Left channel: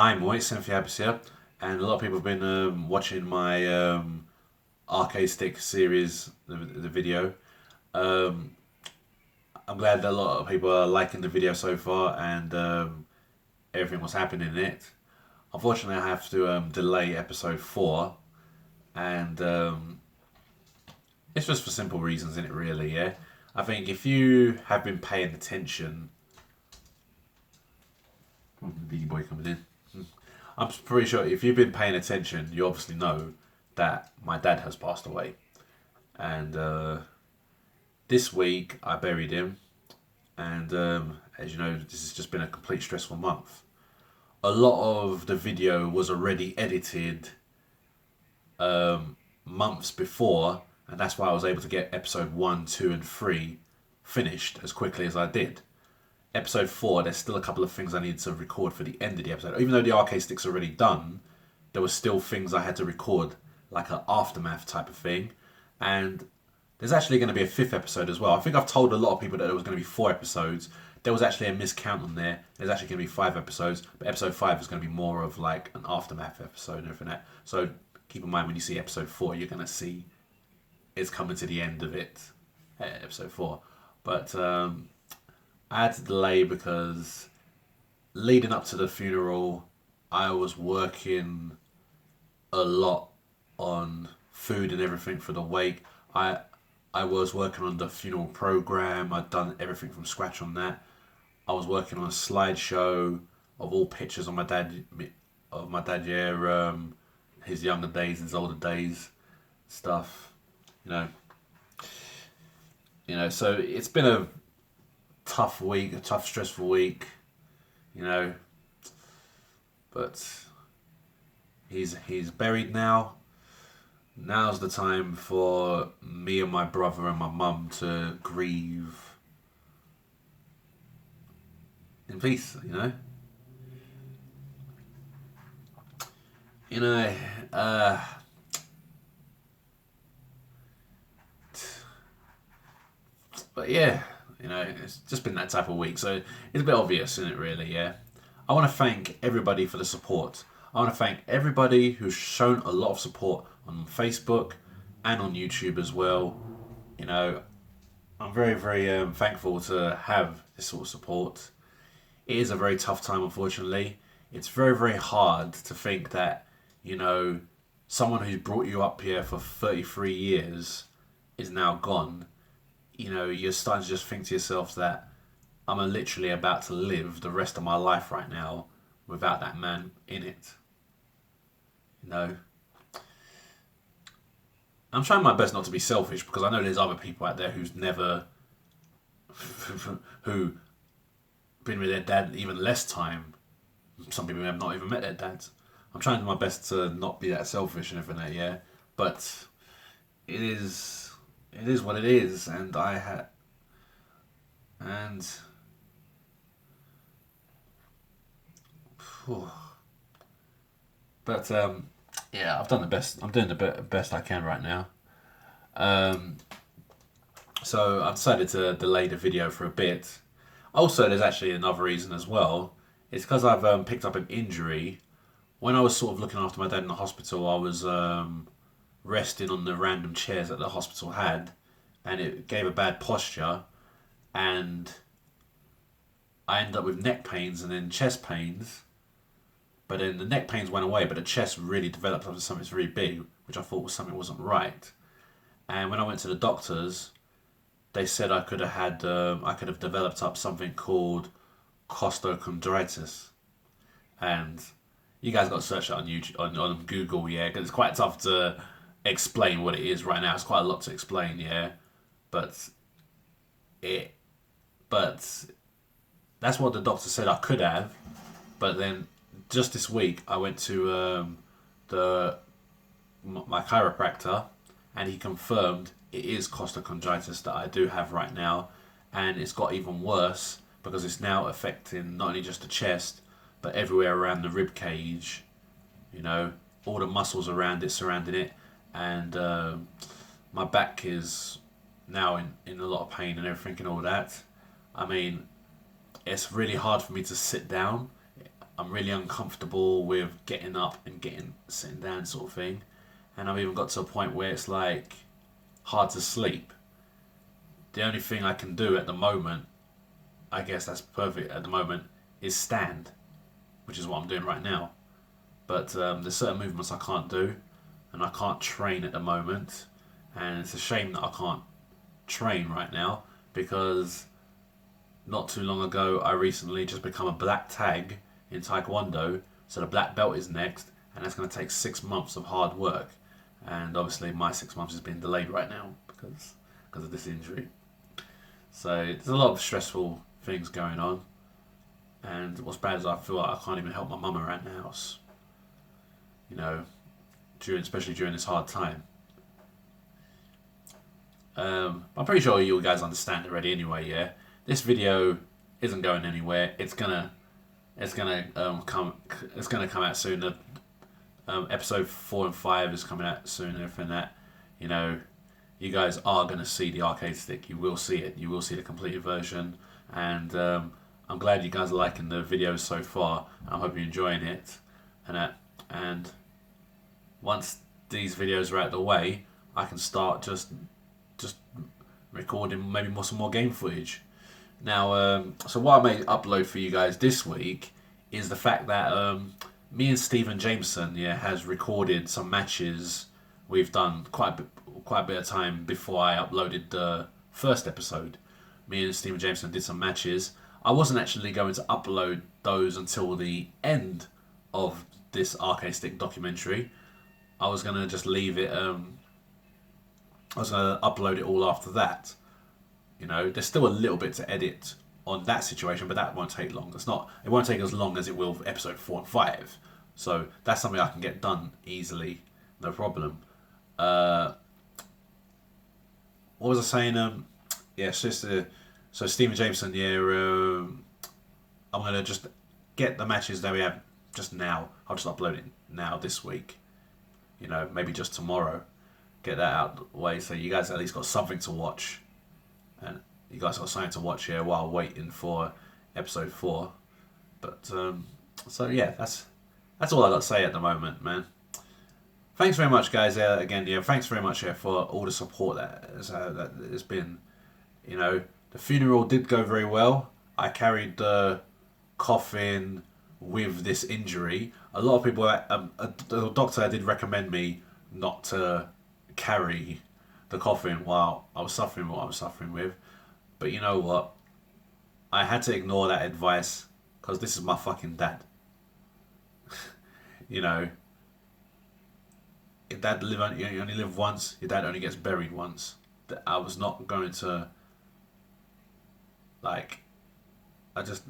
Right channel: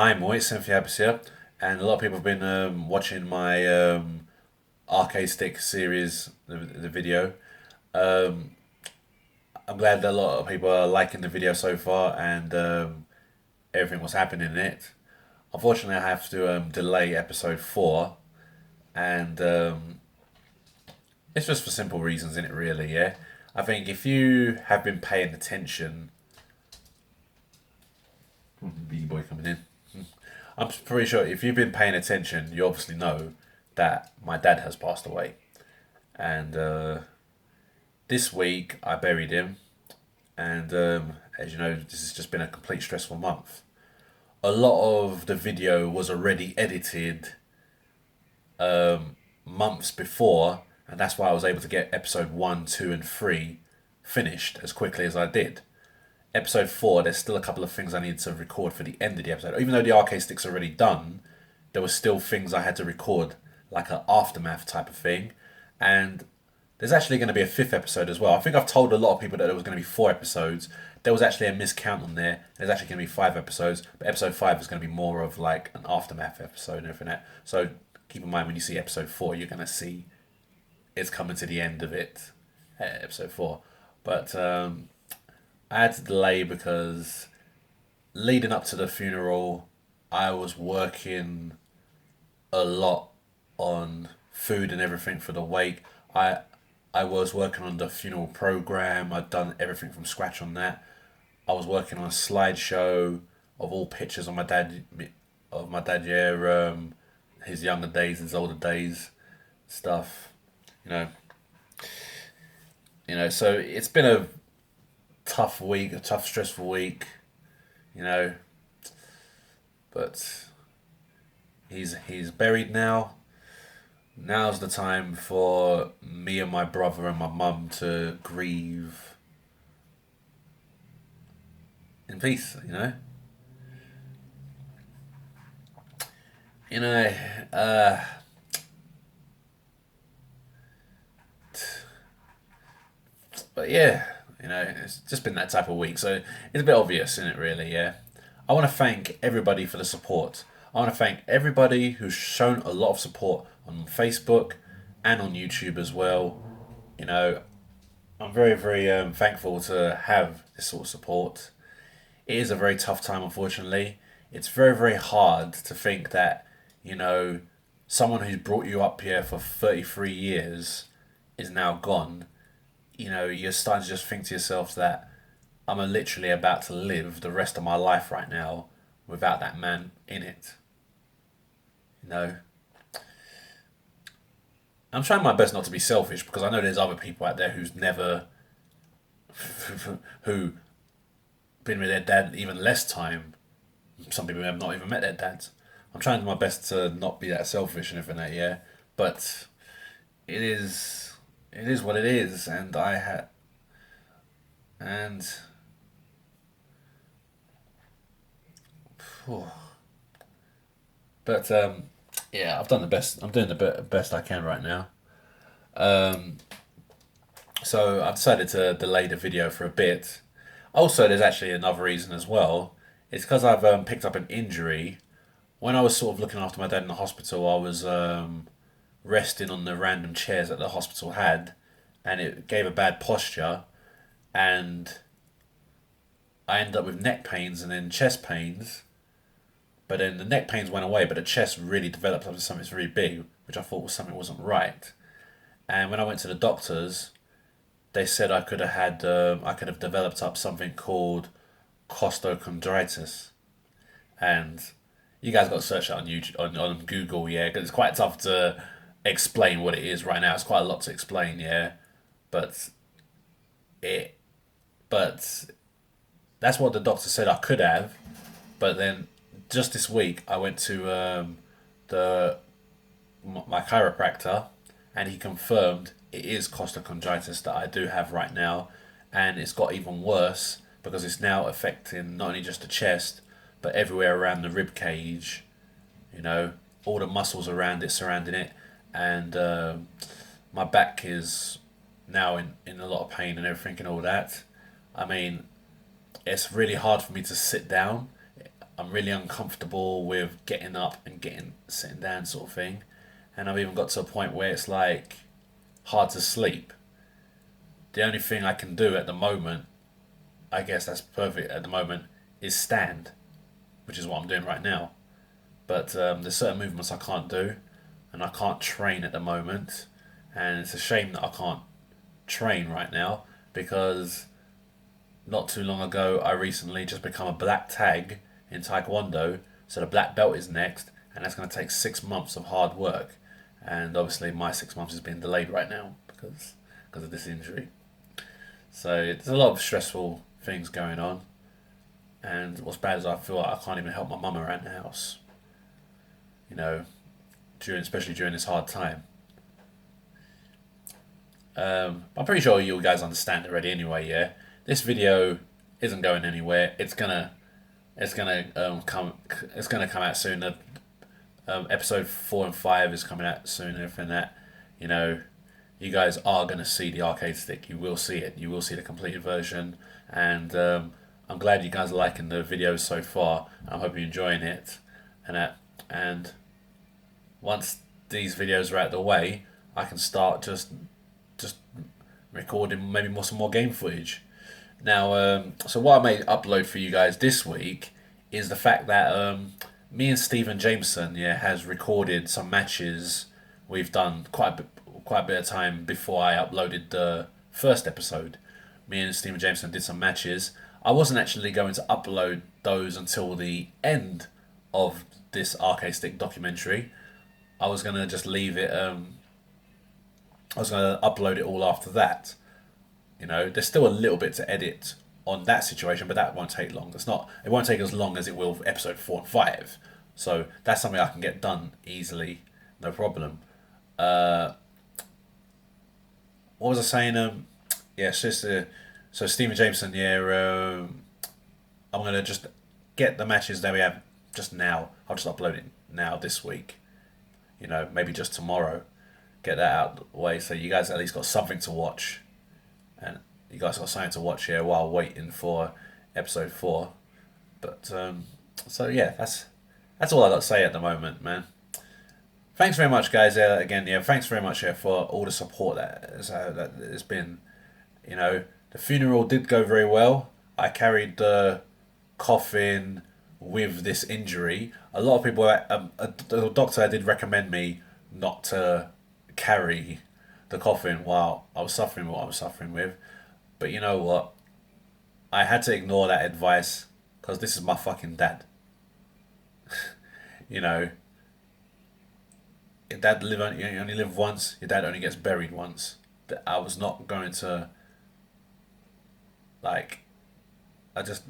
I'm Moit, Cynthia Abbas here, and a lot of people have been watching my arcade stick series, the video. Um, I'm glad that a lot of people are liking the video so far and everything what's happening in it. Unfortunately, I have to delay episode 4, and it's just for simple reasons, in it really, yeah? I think if you have been paying attention, B boy coming in. I'm pretty sure if you've been paying attention, you obviously know that my dad has passed away. And this week I buried him, and as you know, this has just been a complete stressful month. A lot of the video was already edited months before, and that's why I was able to get episode 1, 2, and 3 finished as quickly as I did. Episode 4, there's still a couple of things I need to record for the end of the episode. Even though the arcade stick's already done, there were still things I had to record, like an aftermath type of thing. And there's actually going to be a fifth episode as well. I think I've told a lot of people that there was going to be 4 episodes. There was actually a miscount on there. There's actually going to be 5 episodes, but episode 5 is going to be more of like an aftermath episode and everything like that. So keep in mind when you see episode 4, you're going to see it's coming to the end of it, episode 4. But I had to delay because leading up to the funeral, I was working a lot on food and everything for the wake. I I was working on the funeral program. I'd done everything from scratch on that. I was working on a slideshow of all pictures of my dad. Yeah, his younger days, his older days, stuff. You know, So it's been a tough week, a tough, stressful week. You know, but he's buried now. Now's the time for me and my brother and my mum to grieve in peace. You know, uh, but yeah, it's just been that type of week, so it's a bit obvious, isn't it? Really, yeah. I want to thank everybody for the support. I want to thank everybody who's shown a lot of support on Facebook and on YouTube as well. You know, I'm very, very thankful to have this sort of support. It is a very tough time, unfortunately. It's very, very hard to think that, you know, someone who's brought you up here for 33 years is now gone. You're starting to just think to yourself that I'm literally about to live the rest of my life right now without that man in it. You know, I'm trying my best not to be selfish because I know there's other people out there who's never, who been with their dad even less time. Some people have not even met their dads. I'm trying my best to not be that selfish and everything like that, yeah. But it is what it is, and I had and phew. But yeah, I've done the best. I'm doing the best I can right now. Um, so I've decided to delay the video for a bit. Also, there's actually another reason as well. It's because I've picked up an injury. When I was sort of looking after my dad in the hospital, I was resting on the random chairs that the hospital had, and it gave a bad posture, and I ended up with neck pains and then chest pains. But then the neck pains went away, but the chest really developed into something very big, which I thought was something wasn't right. And when I went to the doctors, they said I could have developed up something called costochondritis, and you guys got to search it on YouTube on Google, yeah, because it's quite tough to explain what it is right now. It's quite a lot to explain, yeah, but it but that's what the doctor said I could have. But then just this week, I went to the my chiropractor, and he confirmed it is costochondritis that I do have right now, and it's got even worse because it's now affecting not only just the chest but everywhere around the rib cage. You know, all the muscles around it, surrounding it, and my back is now in a lot of pain and everything and all that. I mean, it's really hard for me to sit down. I'm really uncomfortable with getting up and sitting down sort of thing, and I've even got to a point where it's like hard to sleep. The only thing I can do at the moment, I guess that's perfect at the moment, is stand, which is what I'm doing right now. But there's certain movements I can't do, and I can't train at the moment, and it's a shame that I can't train right now because not too long ago I recently just become a black tag in Taekwondo, so the black belt is next, and that's going to take 6 months of hard work, and obviously my 6 months has been delayed right now because of this injury. So there's a lot of stressful things going on, and what's bad is I feel like I can't even help my mum around the house. You know, especially during this hard time. I'm pretty sure you guys understand already. Anyway, yeah, this video isn't going anywhere. It's gonna come out soon. Episode 4 and 5 is coming out soon. And everything that, you know, you guys are gonna see the arcade stick. You will see it. You will see the completed version, and I'm glad you guys are liking the videos so far. I hope you're enjoying it, and once these videos are out of the way, I can start just recording maybe some more game footage. Now, so what I may upload for you guys this week is the fact that me and Stephen Jameson, yeah, has recorded some matches. We've done quite a bit of time before I uploaded the first episode. Me and Stephen Jameson did some matches. I wasn't actually going to upload those until the end of this arcade stick documentary. I was gonna just leave it. I was gonna upload it all after that. You know, there's still a little bit to edit on that situation, but that won't take long. It's not. It won't take as long as it will for episode 4 and 5. So that's something I can get done easily, no problem. What was I saying? Yeah, it's just so Stephen Jameson. Yeah, I'm gonna just get the matches that we have just now. I'll just upload it now this week. You know, maybe just tomorrow. Get that out of the way so you guys at least got something to watch, and you guys got something to watch here while waiting for episode 4. But so yeah, that's all I got to say at the moment, man. Thanks very much, guys. Again, yeah, thanks very much for all the support that has been. You know, the funeral did go very well. I carried the coffin with this injury. A lot of people, the doctor did recommend me not to carry the coffin while I was suffering what I was suffering with. But you know what? I had to ignore that advice because this is my fucking dad. You know, your dad you only live once. Your dad only gets buried once. That I was not going to, like, I just,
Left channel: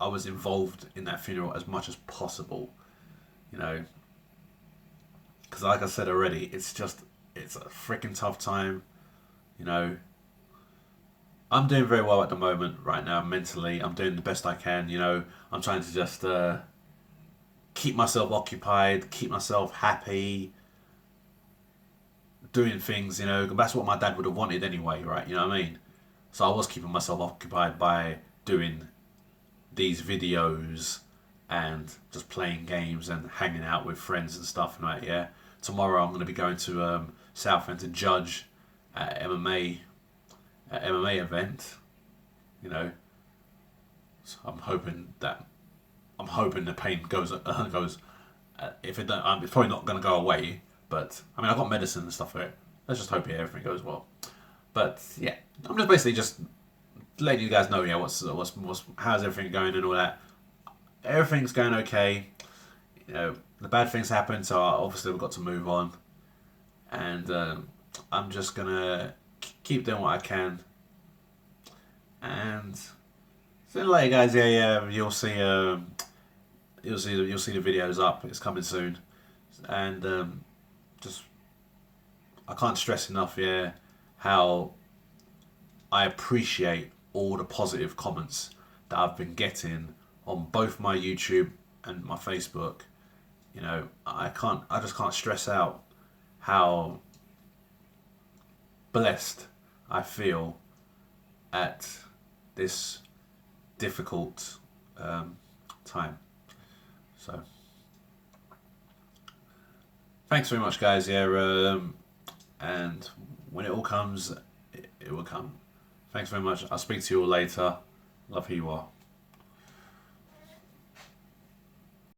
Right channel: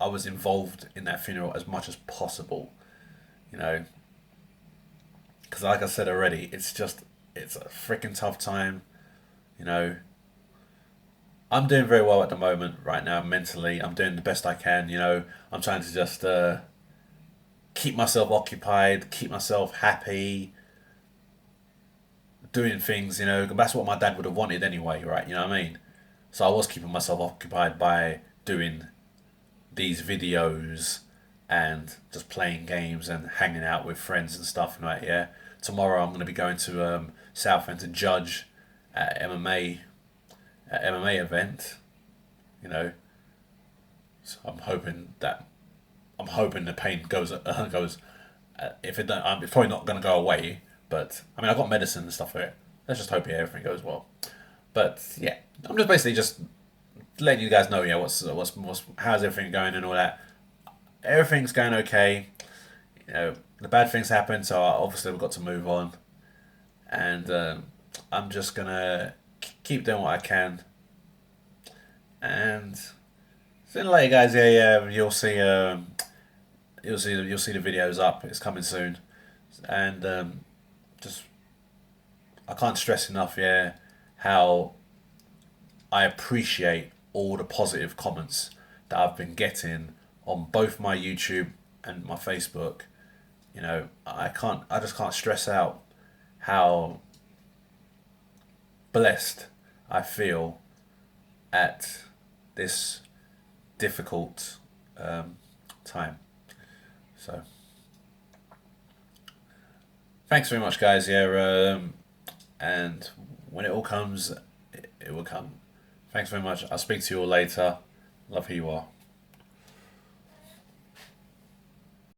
I was involved in that funeral as much as possible. You know, because like I said already, it's a freaking tough time. You know, I'm doing very well at the moment right now mentally. I'm doing the best I can. You know, I'm trying to just keep myself occupied, keep myself happy, doing things. You know, that's what my dad would have wanted anyway, right? You know what I mean? So I was keeping myself occupied by doing these videos and just playing games and hanging out with friends and stuff. Right? Yeah. Tomorrow I'm going to be going to Southend to judge at MMA event. You know, so I'm hoping the pain goes. If it don't, it's probably not going to go away. But I mean, I've got medicine and stuff for it. Let's just hope everything goes well. But yeah, I'm just basically just letting you guys know. Yeah, what's how's everything going and all that. Everything's going okay. You know, the bad things happen, so obviously we've got to move on. And I'm just gonna keep doing what I can. And sooner or later, guys, yeah, you'll see the videos up. It's coming soon, and just I can't stress enough, yeah, how I appreciate all the positive comments that I've been getting on both my YouTube and my Facebook. You know, I just can't stress out how blessed I feel at this difficult time. So thanks very much, guys. Yeah, and when it all comes, it will come. Thanks very much. I'll speak to you all later. Love who you are.